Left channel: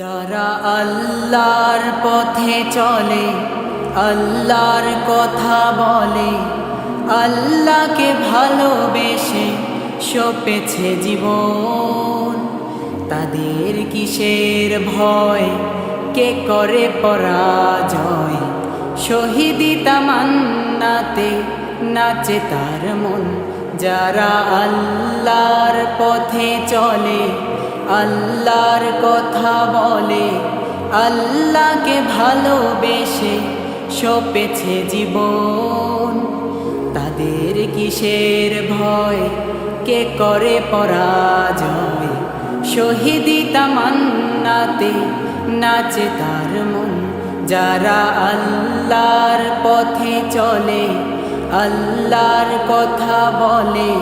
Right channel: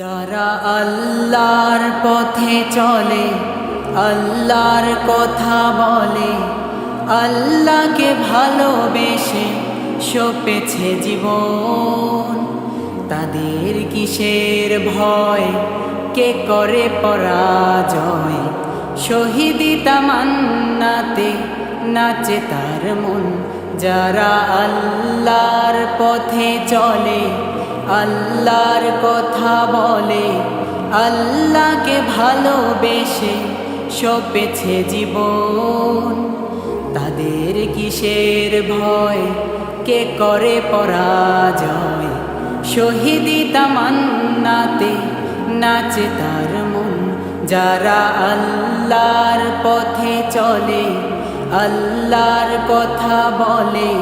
যারা আল্লাহর পথে চলে, আল্লাহর কথা বলে, আল্লাহকে ভালোবেসে সপেছে জীবন, তাদের কিসের ভয়, কে করে পরাজয়? শহীদি তামান্নাতে নাচে তার মন। যারা আল্লাহর পথে চলে, আল্লাহর কথা বলে, আল্লাহকে ভালোবেসে সপেছে জীবন, তাদের কিসের ভয়, কে করে পরাজয়? শহীদি তামান্নাতে নাচে তার মন। যারা আল্লাহর পথে চলে, আল্লাহর কথা বলে,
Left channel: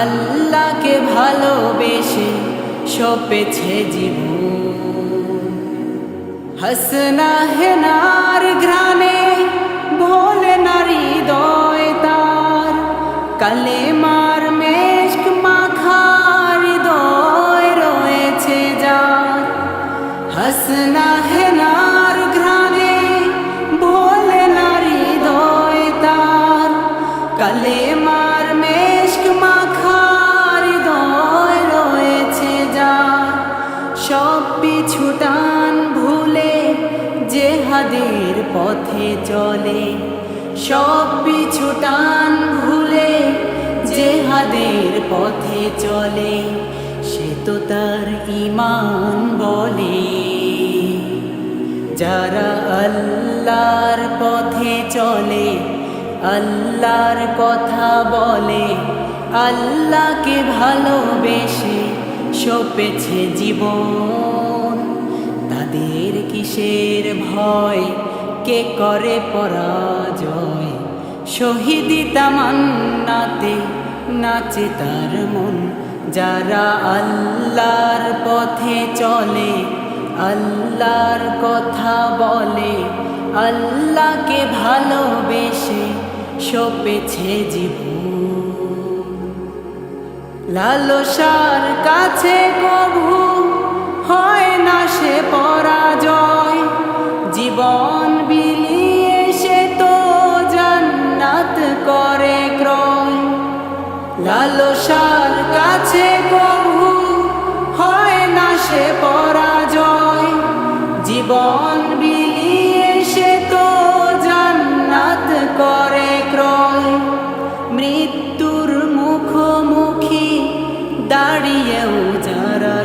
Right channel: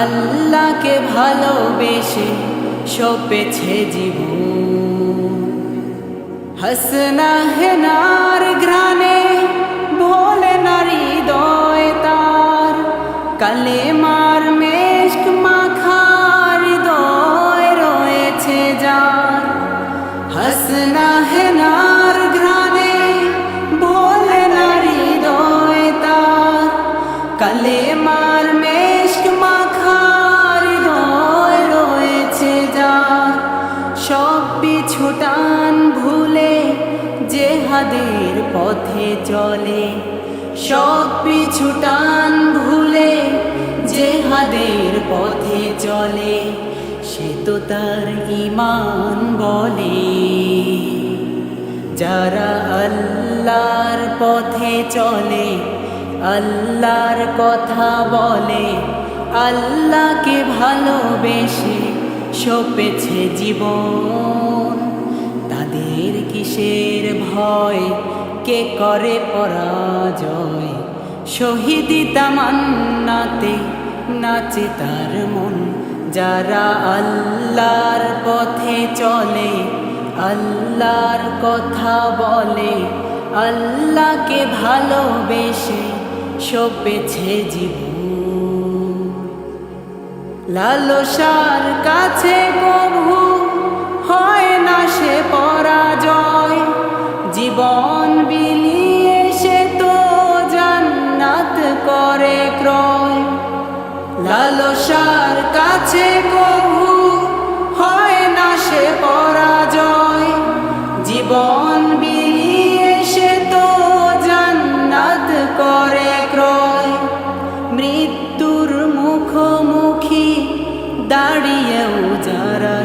আল্লাহকে ভালোবেসে সপেছে জীবন। হাসনা হেনার ঘ্রাণে ভোলে নারী হৃদয় তার, কালেমার মেশক মাখা হৃদয় রয়েছে যার। হাসনা হেনার ঘ্রাণে ভোলে নারী হৃদয় তার, কালেমার মেশক মাখা হৃদয় রয়েছে যার। সব পিছু টান ভুলে জেহাদের পথে চলে, সব পিছু টান ভুলে জেহাদের পথে চলে, সে তো তার ঈমান বলে। যারা আল্লাহর পথে চলে, আল্লাহর কথা বলে, আল্লাহকে ভালোবেসে সপেছে জীবন, তাদের কিসের ভয়, কে করে পরাজয়? শহীদি তামান্নাতে নাচে তার মন। যারা আল্লাহর পথে চলে, আল্লাহর কথা বলে, আল্লাহকে ভালোবেসে সপেছে জীবন। লালসার কাছে কভু হয় না সে পরাজয়, জীবন বিলিয়ে সে তো জান্নাত করে ক্রয়। লালসার কাছে কভু হয় না সে পরাজয়, জীবন বিলিয়ে সে তো জান্নাত করে ক্রয়। মৃত্যুর মুখোমুখি দাঁড়িয়েও যারা